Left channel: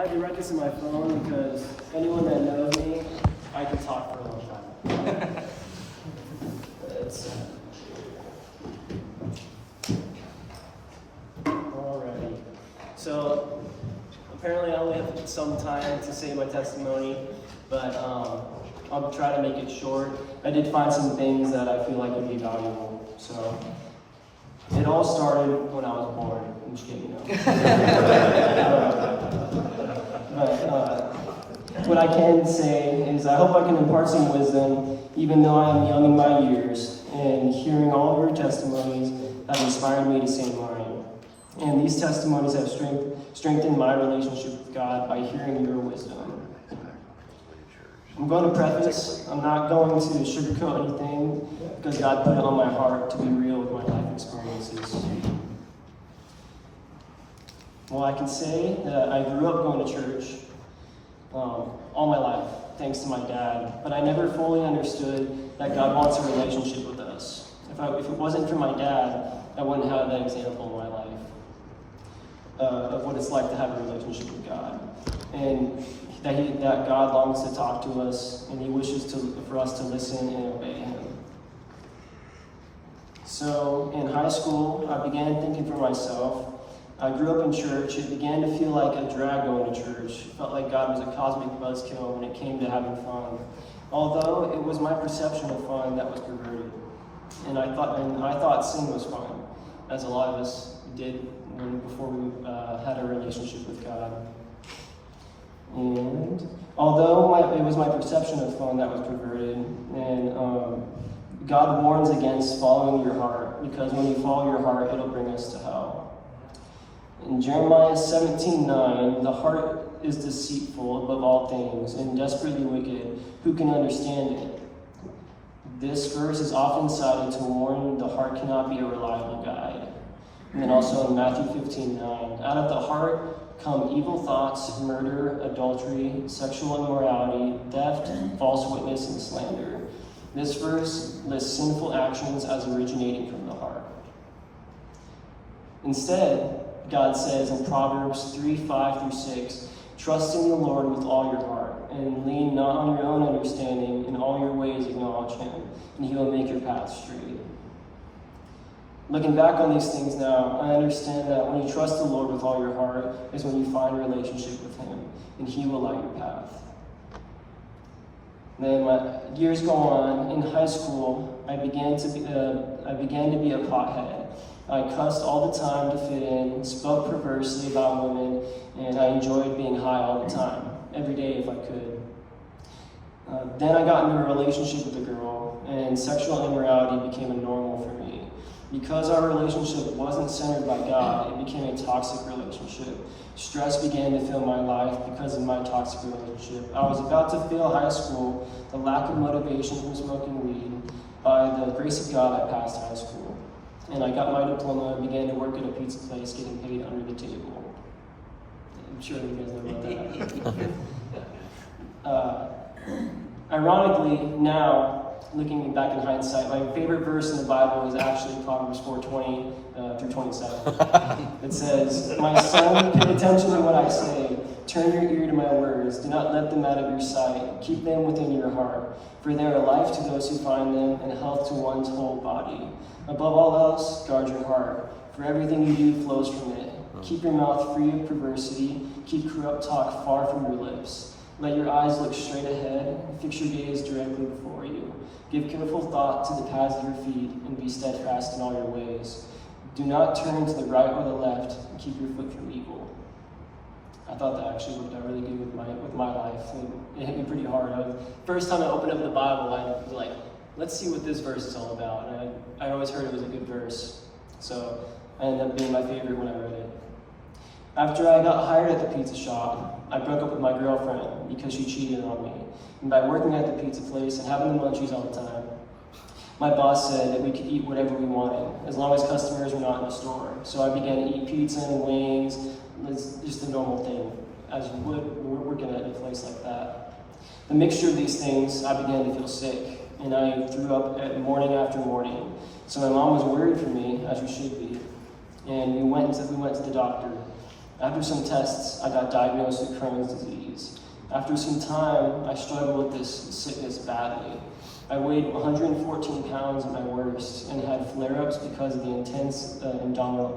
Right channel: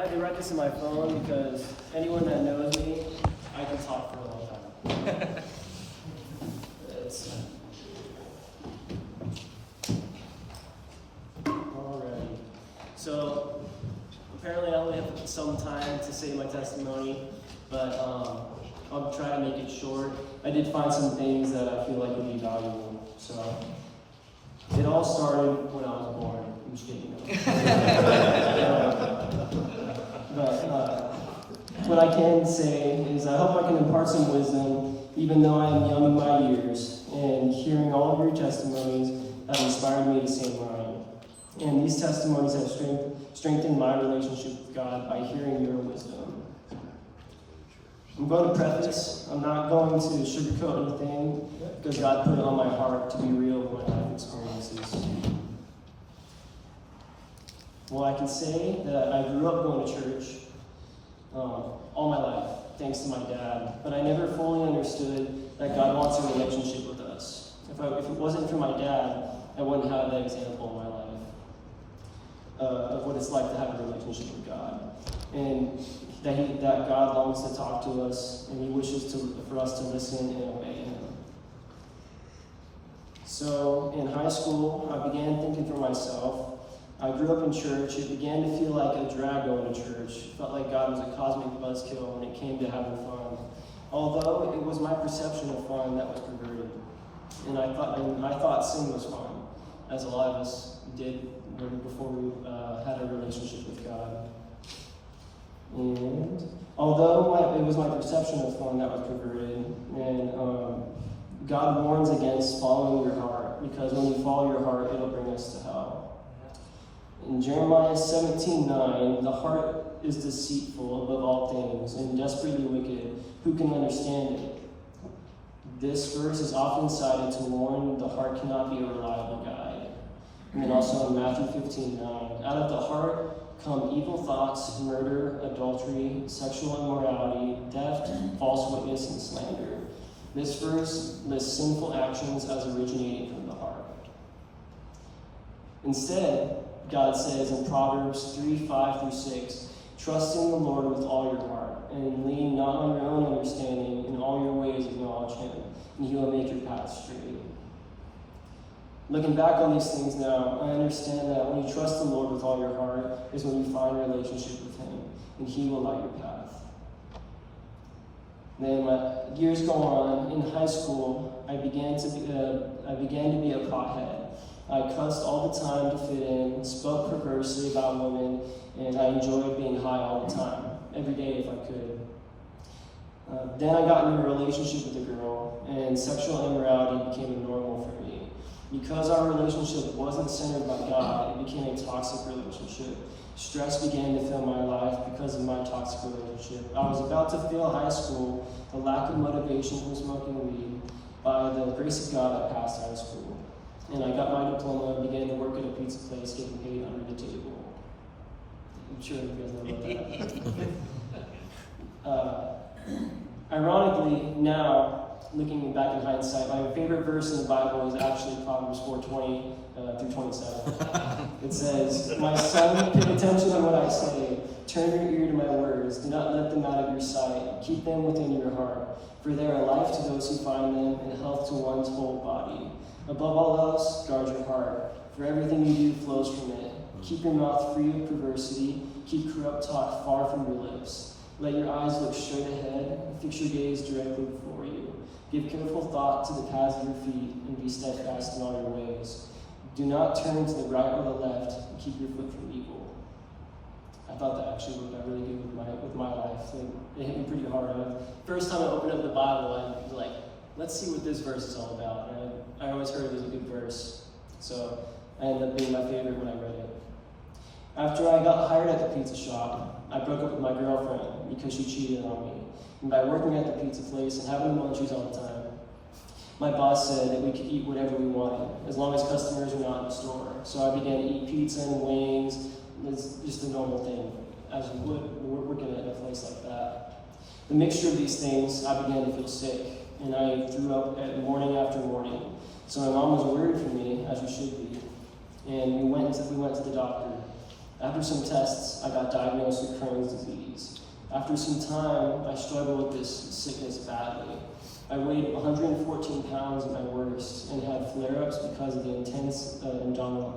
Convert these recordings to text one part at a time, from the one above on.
I had to write this in my phone because anyone that knows me, I can talk for a long time. Alrighty. So apparently I only have some time to say my testimony, but I'll try to make it short. I did find some things that I feel like would be valuable. So it all started when I was born. I'm just kidding. What I can say is I hope I can impart some wisdom, even though I am young in my years, and hearing all of your testimonies have inspired me to say mine. And these testimonies have strengthened my relationship with God by hearing your wisdom. I'm going to preface, I'm not going to sugarcoat anything, because God put it on my heart to be real with my life experiences. Well, I can say that I grew up going to church all my life, thanks to my dad, but I never fully understood that God wants a relationship with us. If it wasn't for my dad, I wouldn't have that example in my life of what it's like to have a relationship with God. And that God longs to talk to us, and he wishes for us to listen and obey him. So in high school, I began thinking for myself. I grew up in church. It began to feel like a drag going to church. It felt like God was a cosmic buzzkill when it came to having fun. Although it was my perception of fun that was perverted. And I thought sin was fun, as a lot of us did before we had a relationship with God. And although it was my perception of fun that was perverted, and God warns against following your heart, because when you follow your heart, it'll bring us to hell. In Jeremiah 17:9, the heart is deceitful above all things and desperately wicked. Who can understand it? This verse is often cited to warn the heart cannot be a reliable guide. And then also in Matthew 15:9, out of the heart come evil thoughts, murder, adultery, sexual immorality, theft, false witness, and slander. This verse lists sinful actions as originating from the heart. Instead, God says in Proverbs 3:5-6, trust in the Lord with all your heart, and lean not on your own understanding. In all your ways acknowledge him, and he will make your path straight. Looking back on these things now, I understand that when you trust the Lord with all your heart is when you find a relationship with him, and he will light your path. Then years go on. In high school, I began to be a pothead. I cussed all the time to fit in, spoke perversely about women, and I enjoyed being high all the time, every day if I could. Then I got into a relationship with a girl, and sexual immorality became a normal for me. Because our relationship wasn't centered by God, it became a toxic relationship. Stress began to fill my life because of my toxic relationship. I was about to fail high school, the lack of motivation from smoking weed. By the grace of God, I passed high school. And I got my diploma and began to work at a pizza place, getting paid under the table. I'm sure you guys know that. Ironically, now, looking back in hindsight, my favorite verse in the Bible is actually Proverbs 4:20-27. It says, "My son, pay attention to what I say. Turn your ear to my words. Do not let them out of your sight. Keep them within your heart. For they are life to those who find them and health to one's whole body. Above all else, guard your heart, for everything you do flows from it. Keep your mouth free of perversity. Keep corrupt talk far from your lips. Let your eyes look straight ahead. Fix your gaze directly before you. Give careful thought to the paths of your feet, and be steadfast in all your ways. Do not turn to the right or the left, and keep your foot from evil." I thought that actually worked out really good with my life. And it hit me pretty hard. First time I opened up the Bible, I was like, let's see what this verse is all about. And I always heard it was a good verse, so I ended up being my favorite when I read it. After I got hired at the pizza shop, I broke up with my girlfriend because she cheated on me. And by working at the pizza place and having the munchies all the time, my boss said that we could eat whatever we wanted, as long as customers were not in the store. So I began to eat pizza and wings. It's just a normal thing, as you would working at a place like that. The mixture of these things, I began to feel sick, and I threw up morning after morning. So my mom was worried for me, as you should be, and we went to the doctor. After some tests, I got diagnosed with Crohn's disease. After some time, I struggled with this sickness badly. I weighed 114 pounds at my worst and had flare-ups because of the intense abdominal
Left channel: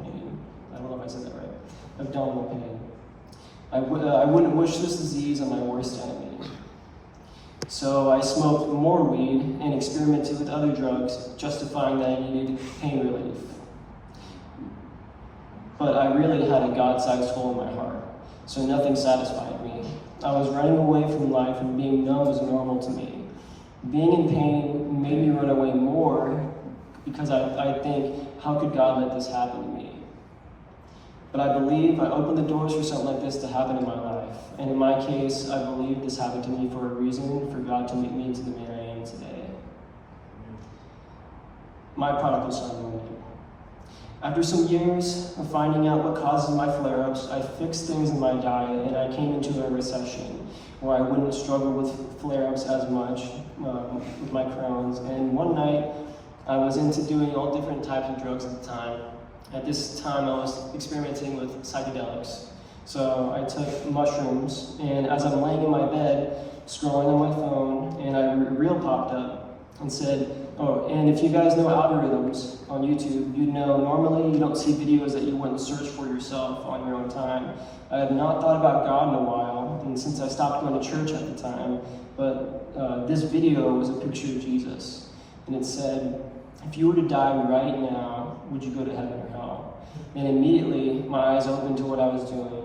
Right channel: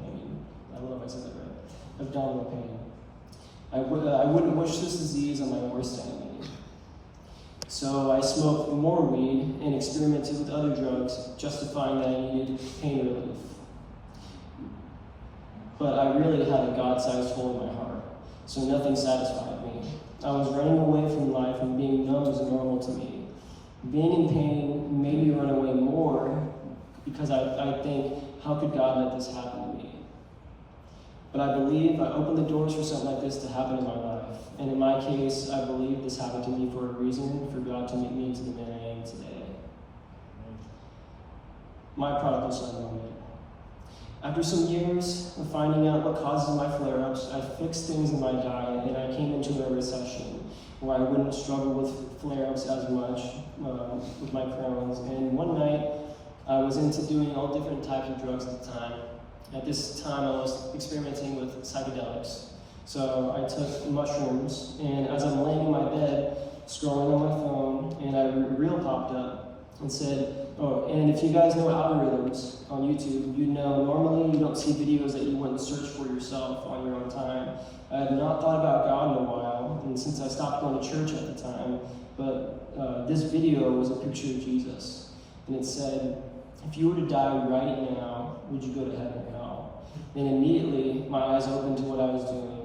pain. I don't know if I said that right. Abdominal pain. I wouldn't wish this disease on my worst enemy. So I smoked more weed and experimented with other drugs, justifying that I needed pain relief. But I really had a God-sized hole in my heart, so nothing satisfied me. I was running away from life, and being numb was normal to me. Being in pain made me run away more because I think, how could God let this happen to me? But I believe I opened the doors for something like this to happen in my life. And in my case, I believe this happened to me for a reason, for God to make me into the man I am today. My prodigal son moment. After some years of finding out what causes my flare-ups, I fixed things in my diet and I came into a recession where I wouldn't struggle with flare-ups as much with my Crohn's. And one night, I was into doing all different types of drugs at the time. At this time, I was experimenting with psychedelics. So I took mushrooms, and as I'm laying in my bed, scrolling on my phone, and a reel popped up and said, oh, and if you guys know algorithms on YouTube, you know normally you don't see videos that you wouldn't search for yourself on your own time. I had not thought about God in a while, and since I stopped going to church at the time, but this video was a picture of Jesus. And it said, if you were to die right now, would you go to heaven or hell? And immediately, my eyes opened to what I was doing.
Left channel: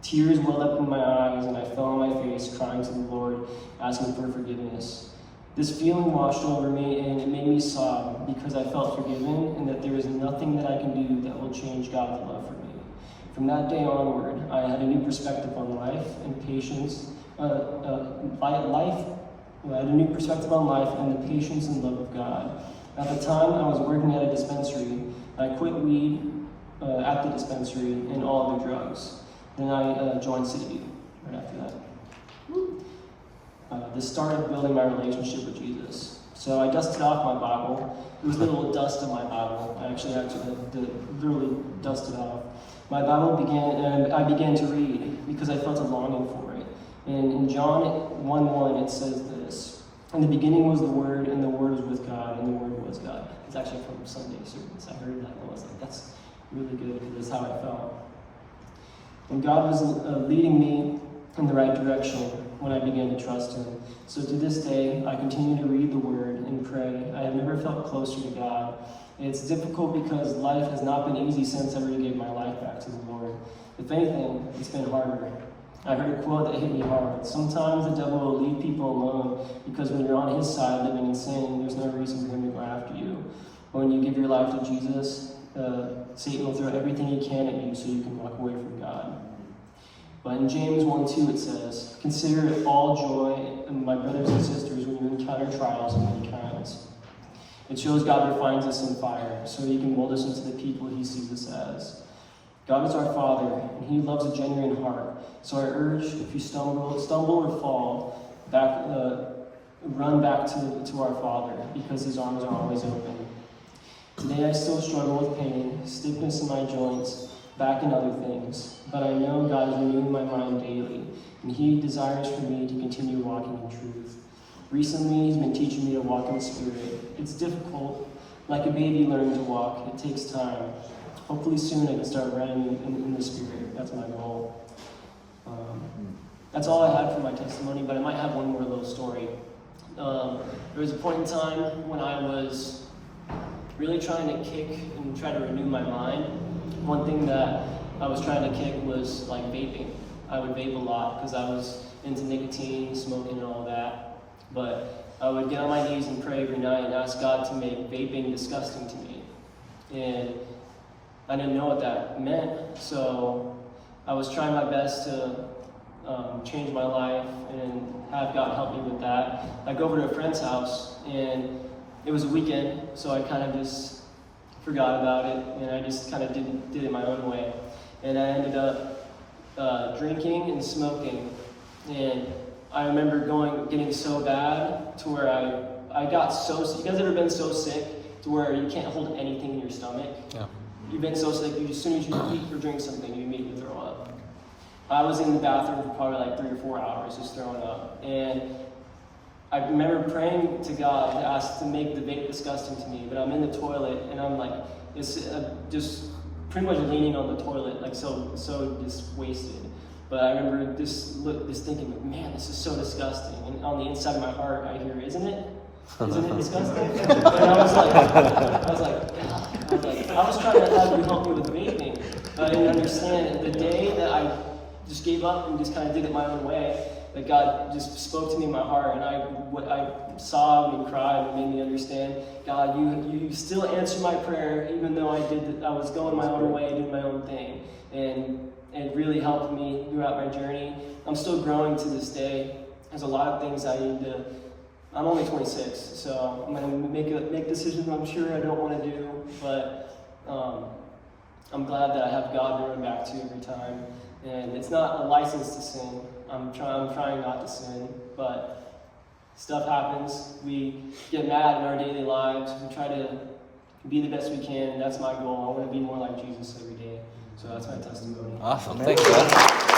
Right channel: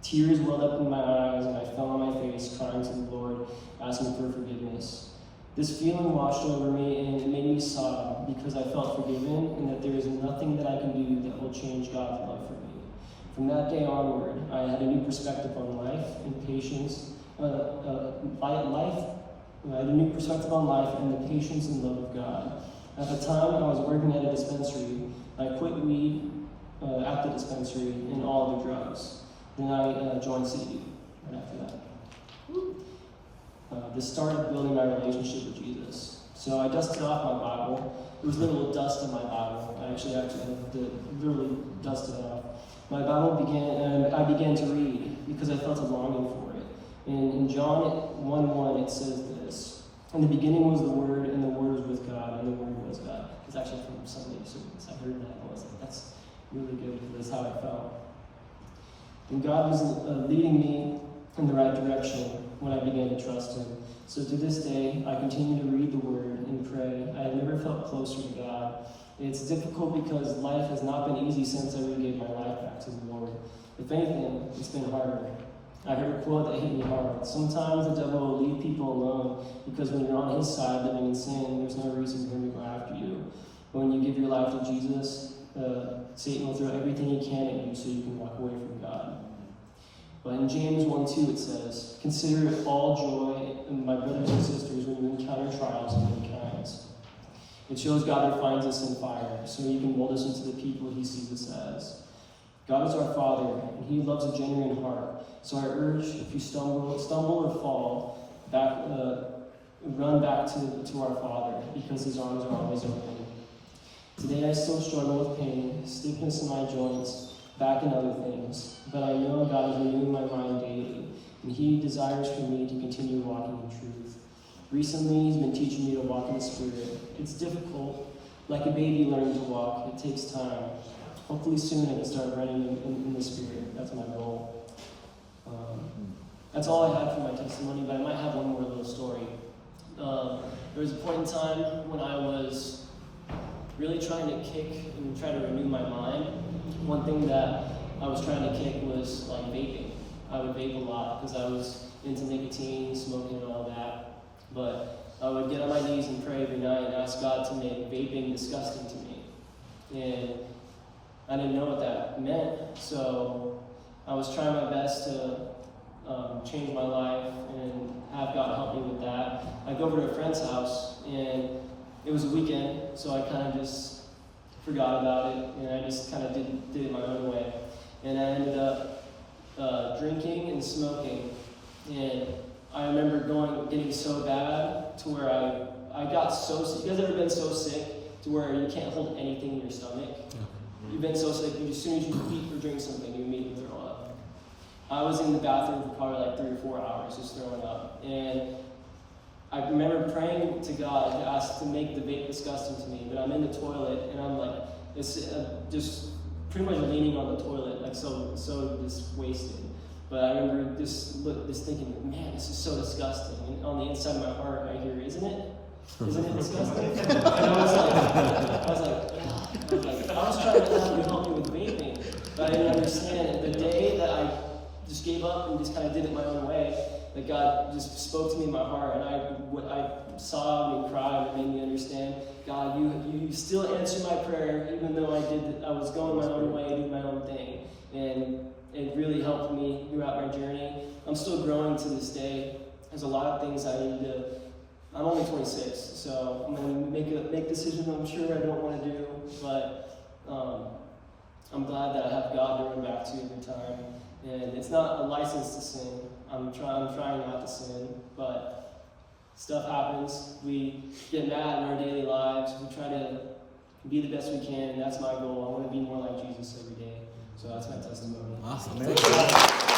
Tears welled up in my eyes, and I fell on my face, crying to the Lord, asking for forgiveness. This feeling washed over me, and it made me sob because I felt forgiven, and that there is nothing that I can do that will change God's love for me. From that day onward, I had a new perspective on life and patience. I had a new perspective on life and the patience and love of God. At the time, I was working at a dispensary. I quit weed at the dispensary and all other drugs. Then I joined City right after that. This started building my relationship with Jesus. So I dusted off my Bible. There was a little dust in my Bible. I actually had to literally dust it off. My Bible I began to read because I felt a longing for it. And in John 1:1, it says this: in the beginning was the Word, and the Word was with God, and the Word was God. It's actually from Sunday service. I heard that, and I was like, that's really good, because that's how I felt. And God was leading me in the right direction when I began to trust Him. So to this day, I continue to read the Word and pray. I have never felt closer to God. It's difficult because life has not been easy since I really gave my life back to the Lord. If anything, it's been harder. I heard a quote that hit me hard. Sometimes the devil will leave people alone because when you're on his side living in sin, there's no reason for him to go after you. But when you give your life to Jesus, Satan will throw everything he can at you so you can walk away from God. But in James 1:2 it says, consider it all joy, my brothers and sisters, when you encounter trials of many kinds. It shows God refines us in fire so He can mold us into the people He sees us as. God is our Father, and He loves a genuine heart. So I urge, if you stumble or fall, run back to our Father, because His arms are always open. Today I still struggle with pain, stiffness in my joints, back and other things, but I know God is renewing my mind daily, and He desires for me to continue walking in truth. Recently, He's been teaching me to walk in the Spirit. It's difficult. Like a baby learning to walk, it takes time. Hopefully soon I can start running in the Spirit. That's my goal. That's all I had for my testimony, but I might have one more little story. There was a point in time when I was really trying to kick and try to renew my mind. One thing that I was trying to kick was like vaping. I would vape a lot because I was into nicotine, smoking, and all that. But I would get on my knees and pray every night and ask God to make vaping disgusting to me. And I didn't know what that meant, so I was trying my best to change my life and have God help me with that. I go over to a friend's house, and it was a weekend, so I kind of just forgot about it, and I just kind of did it my own way. And I ended up drinking and smoking, and I remember getting so bad to where I got so sick. You guys ever been so sick to where you can't hold anything in your stomach? Yeah. You've been so sick, as soon as you eat or drink something, you immediately throw up. I was in the bathroom for probably like 3 or 4 hours just throwing up. And I remember praying to God to ask to make the vape disgusting to me, but I'm in the toilet and I'm like, it's just pretty much leaning on the toilet, like so just wasted. But I remember this thinking, man, this is so disgusting. And on the inside of my heart, I hear, isn't it? Isn't it disgusting? And I was like, I was trying to have you help me with vaping, but I didn't understand. The day that I just gave up and just kind of did it my own way, that God just spoke to me in my heart, and I saw me cry, and it made me understand, God, you still answer my prayer, even though I was going my own way, doing my own thing, and it really helped me throughout my journey. I'm still growing to this day. There's a lot of things I need to. I'm only 26, so I'm gonna make decisions I'm sure I don't want to do, but I'm glad that I have God to run back to every time. And it's not a license to sin. I'm trying not to sin, but stuff happens. We get mad in our daily lives. We try to be the best we can, and that's my goal. I want to be more like Jesus every day. So that's my testimony. Awesome. Thanks, God.